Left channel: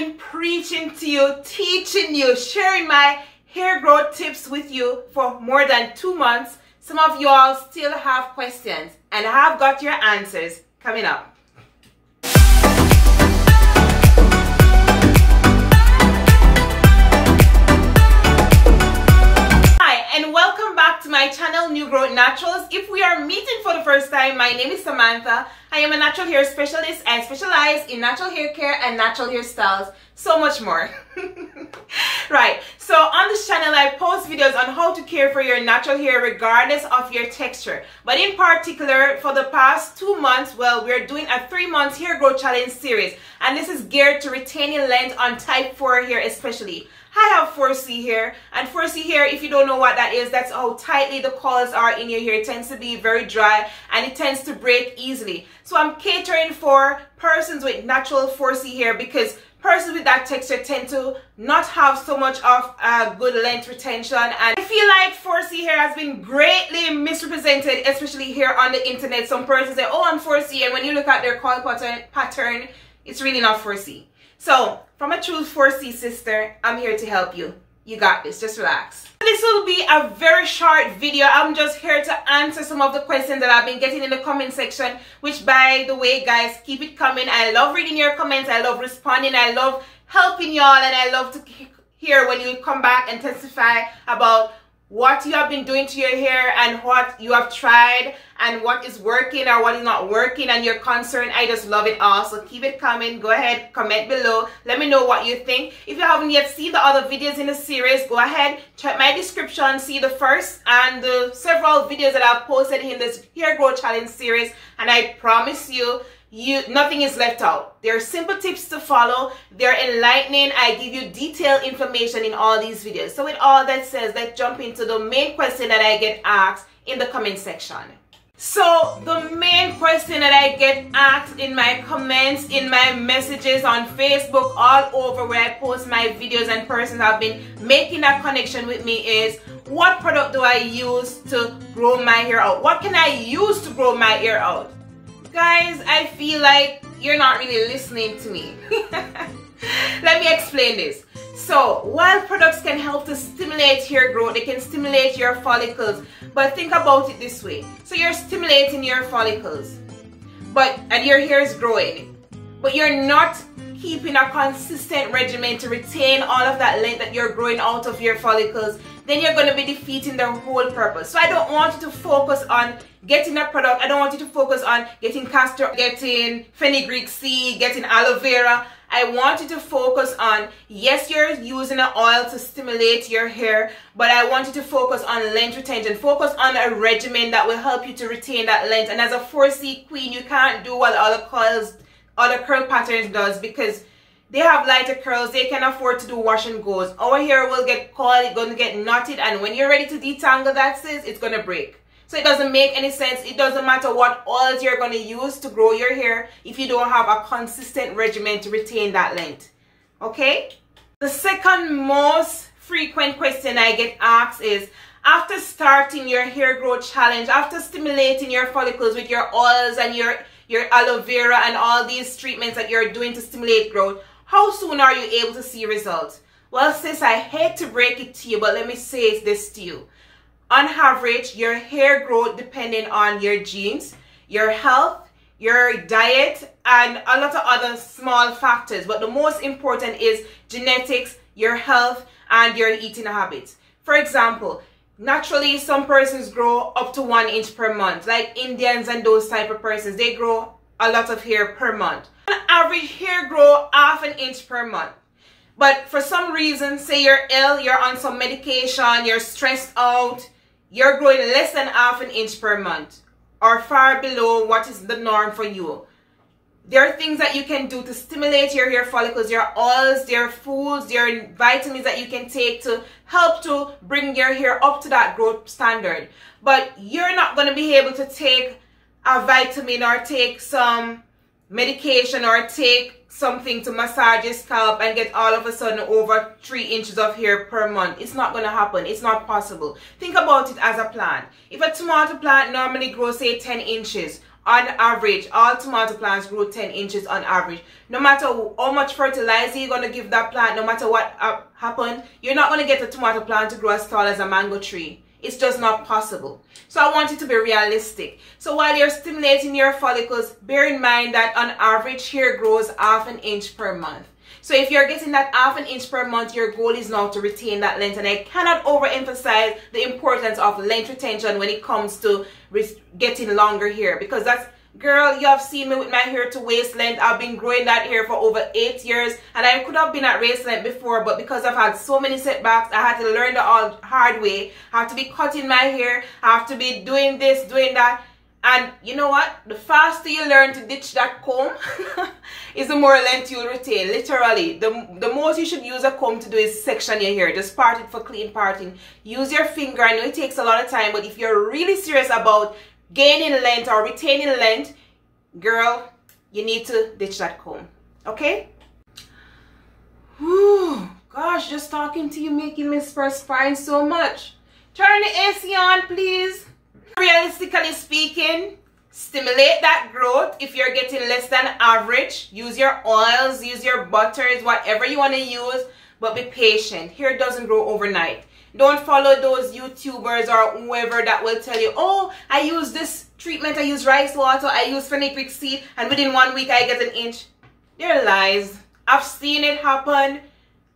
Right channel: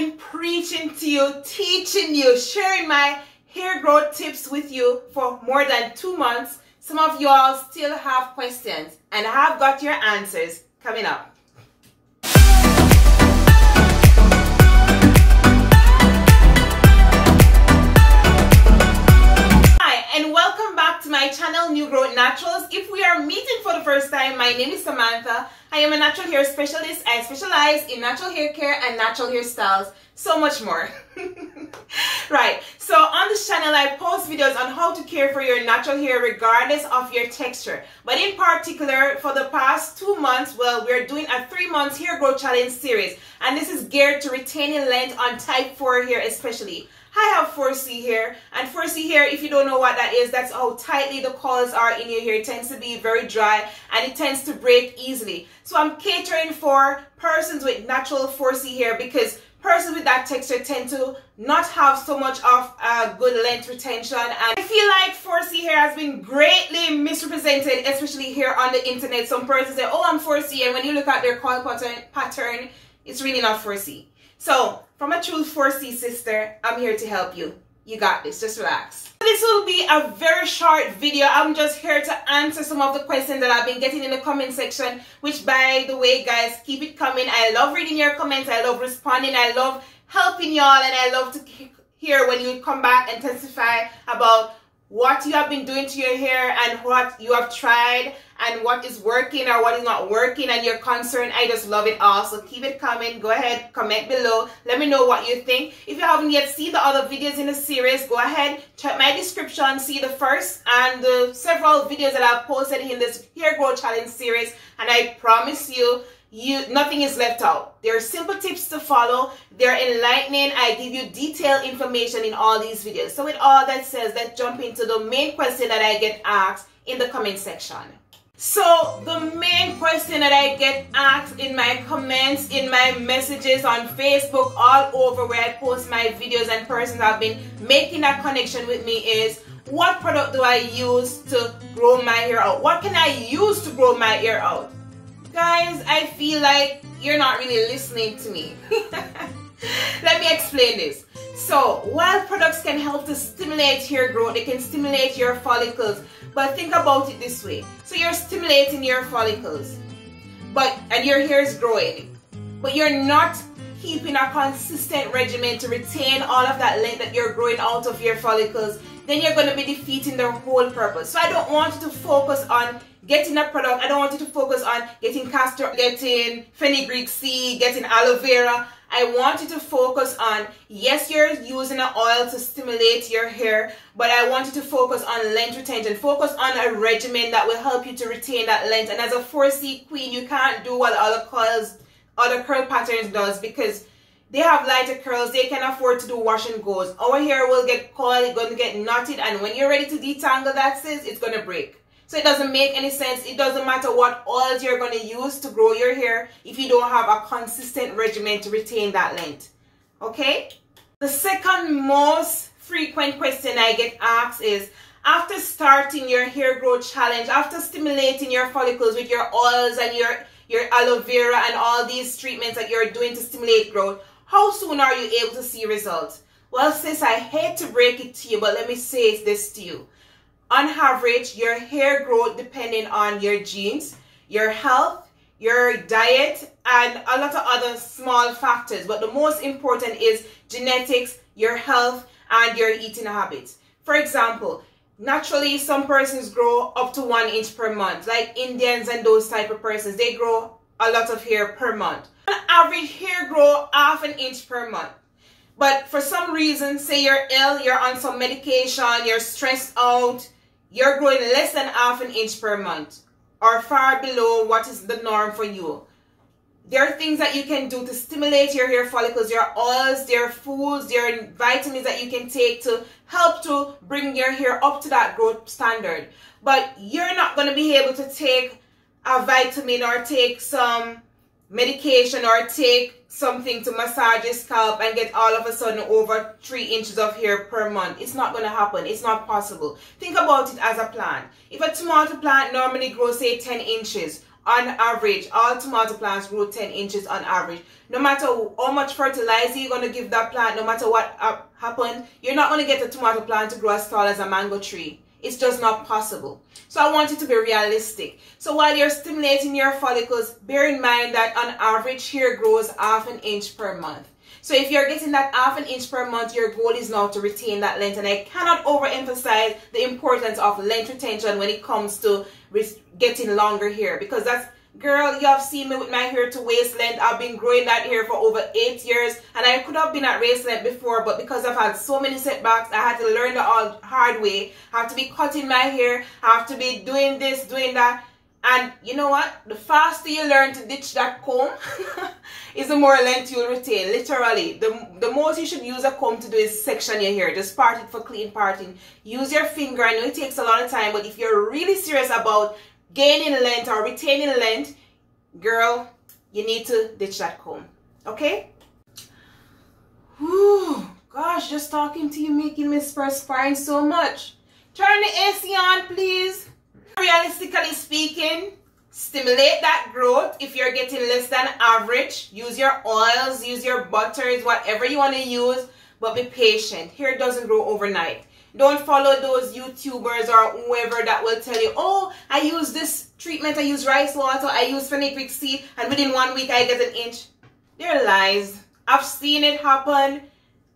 been preaching to you, teaching you, sharing my hair growth tips with you for more than 2 months. Some of you all still have questions, and I have got your answers coming up. And welcome back to my channel, Newgrowthnaturals. If we are meeting for the first time, my name is Samantha. I am a natural hair specialist. I specialize in natural hair care and natural hairstyles, so much more. Right, so on this channel I post videos on how to care for your natural hair regardless of your texture. But in particular, for the past 2 months, well, we're doing a 3-month hair growth challenge series, and this is geared to retaining length on type 4 hair especially. I have 4C hair, and 4C hair, if you don't know what that is, that's how tightly the coils are in your hair. It tends to be very dry and it tends to break easily. So I'm catering for persons with natural 4C hair because persons with that texture tend to not have so much of good length retention, and I feel like 4C hair has been greatly misrepresented, especially here on the internet. Some persons say, oh, I'm 4C, and when you look at their coil pattern, it's really not 4C. So, from a true 4C sister, I'm here to help you. You got this, just relax. This will be a very short video. I'm just here to answer some of the questions that I've been getting in the comment section, which, by the way, guys, keep it coming. I love reading your comments. I love responding. I love helping y'all, and I love to hear when you come back and testify about what you have been doing to your hair and what you have tried and what is working or what is not working and you're concerned. I just love it all. So keep it coming. Go ahead, comment below. Let me know what you think. If you haven't yet seen the other videos in the series, go ahead, check my description, see the first and the several videos that I've posted in this hair growth challenge series, and I promise you, nothing is left out. They're simple tips to follow. They're enlightening. I give you detailed information in all these videos. So with all that said, let's jump into the main question that I get asked in the comment section. So the main question that I get asked in my comments, in my messages on Facebook, all over where I post my videos, and persons have been making that connection with me, is what product do I use to grow my hair out? What can I use to grow my hair out? Guys, I feel like you're not really listening to me. Let me explain this. So, while products can help to stimulate hair growth, they can stimulate your follicles. But think about it this way. So you're stimulating your follicles, and your hair is growing, but you're not keeping a consistent regimen to retain all of that length that you're growing out of your follicles, then you're going to be defeating the whole purpose. So I don't want you to focus on getting a product. I don't want you to focus on getting castor, getting fenugreek seed, getting aloe vera. I want you to focus on, yes, you're using an oil to stimulate your hair, but I want you to focus on length retention. Focus on a regimen that will help you to retain that length. And as a 4C queen, you can't do what other curl patterns does, because they have lighter curls. They can afford to do wash and goes. Our hair will get coiled, it's going to get knotted, and when you're ready to detangle that, sis, it's going to break. So it doesn't make any sense. It doesn't matter what oils you're going to use to grow your hair if you don't have a consistent regimen to retain that length. Okay? The second most frequent question I get asked is, after starting your hair growth challenge, after stimulating your follicles with your oils and your aloe vera and all these treatments that you're doing to stimulate growth, how soon are you able to see results? Well, sis, I hate to break it to you, but let me say this to you. On average, your hair growth, depending on your genes, your health, your diet, and a lot of other small factors. But the most important is genetics, your health, and your eating habits. For example, naturally, some persons grow up to 1 inch per month. Like Indians and those type of persons, they grow a lot of hair per month. On average, hair grow ½ an inch per month. But for some reason, say you're ill, you're on some medication, you're stressed out, you're growing less than ½ an inch per month, or far below what is the norm for you. There are things that you can do to stimulate your hair follicles. There are oils, there are foods, there are vitamins that you can take to help to bring your hair up to that growth standard. But you're not going to be able to take a vitamin or take some medication or take something to massage your scalp and get all of a sudden over 3 inches of hair per month. It's not going to happen. It's not possible. Think about it as a plant. If a tomato plant normally grows, say, 10 inches, On average, all tomato plants grow 10 inches on average. No matter how much fertilizer you're going to give that plant, no matter what happened, you're not going to get a tomato plant to grow as tall as a mango tree. It's just not possible. So I want you to be realistic. So while you're stimulating your follicles, bear in mind that on average, hair grows ½ an inch per month. So if you're getting that ½ an inch per month, your goal is now to retain that length. And I cannot overemphasize the importance of length retention when it comes to getting longer hair. Because that's, girl, you have seen me with my hair to waist length. I've been growing that hair for over 8 years. And I could have been at waist length before, but because I've had so many setbacks, I had to learn the hard way. I have to be cutting my hair. I have to be doing this, doing that. And you know what? The faster you learn to ditch that comb is the more length you'll retain. Literally, the most you should use a comb to do is section your hair. Just part it for clean parting. Use your finger. I know it takes a lot of time, but if you're really serious about gaining length or retaining length, girl, you need to ditch that comb. Okay? Whew, gosh, just talking to you making me perspire so much. Turn the AC on, please. Realistically speaking, stimulate that growth. If you're getting less than average, use your oils, use your butters, whatever you want to use, but be patient. Hair doesn't grow overnight. Don't follow those YouTubers or whoever that will tell you, oh, I use this treatment, I use rice water, I use fenugreek seed, and within 1 week I get an inch. They're lies. I've seen it happen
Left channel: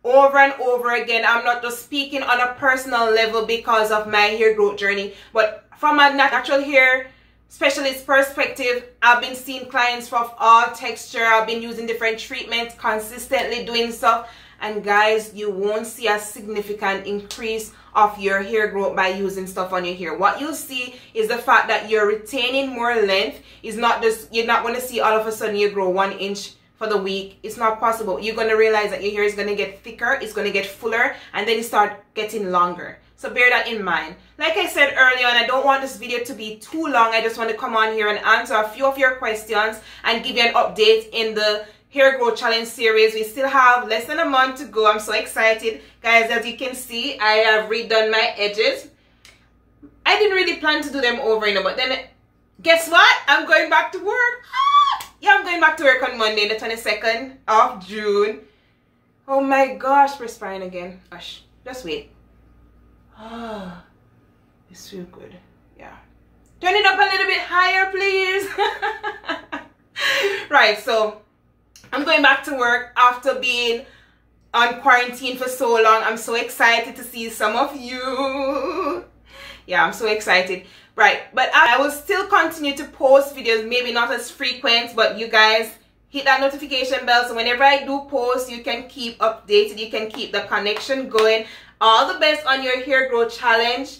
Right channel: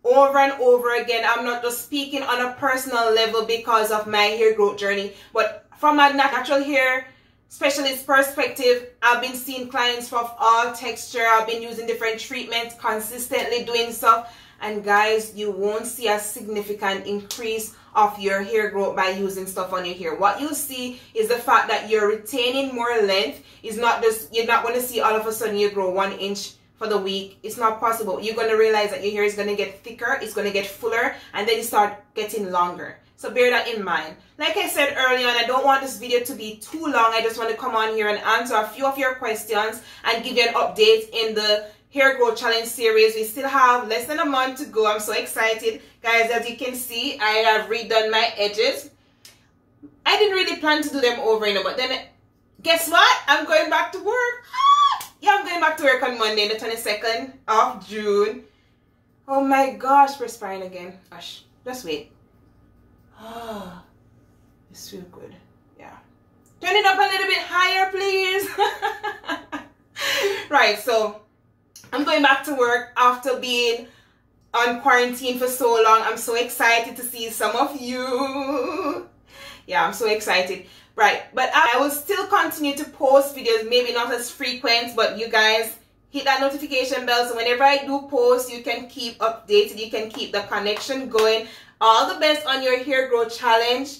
over and over again. I'm not just speaking on a personal level because of my hair growth journey, but from a natural hair specialist perspective, I've been seeing clients of all texture. I've been using different treatments, consistently doing stuff. And guys, you won't see a significant increase of your hair growth by using stuff on your hair. What you'll see is the fact that you're retaining more length. Is not just, you're not going to see all of a sudden you grow 1 inch for the week. It's not possible. You're going to realize that your hair is going to get thicker, it's going to get fuller, and then you start getting longer. So bear that in mind. Like I said earlier on, I don't want this video to be too long. I just want to come on here and answer a few of your questions and give you an update in the hair growth challenge series. We still have less than a month to go. I'm so excited. Guys, as you can see, I have redone my edges. I didn't really plan to do them over, but then guess what? I'm going back to work. Yeah, I'm going back to work on Monday, the 22nd of June. Oh my gosh, perspiring again. Gosh, just wait. Ah, it's real good. Yeah. Turn it up a little bit higher, please. Right, so I'm going back to work after being on quarantine for so long. I'm so excited to see some of you. Yeah, I'm so excited. Right, but I will still continue to post videos, maybe not as frequent, but you guys hit that notification bell so whenever I do post, you can keep updated, you can keep the connection going. All the best on your hair growth challenge.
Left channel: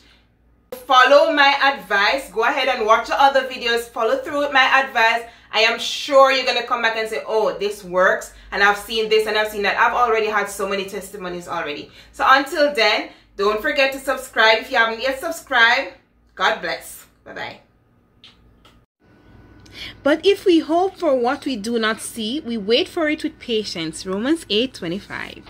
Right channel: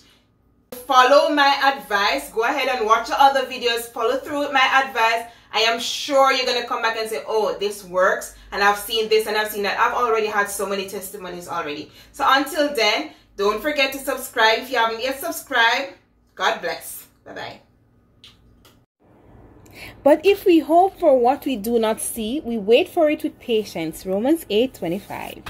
Follow my advice. Go ahead and watch the other videos. Follow through with my advice. I am sure you're going to come back and say, oh, this works. And I've seen this and I've seen that. I've already had so many testimonies already. So until then, don't forget to subscribe. If you haven't yet subscribed, God bless. Bye-bye. But if we hope for what we do not see, we wait for it with patience. Romans 8:25.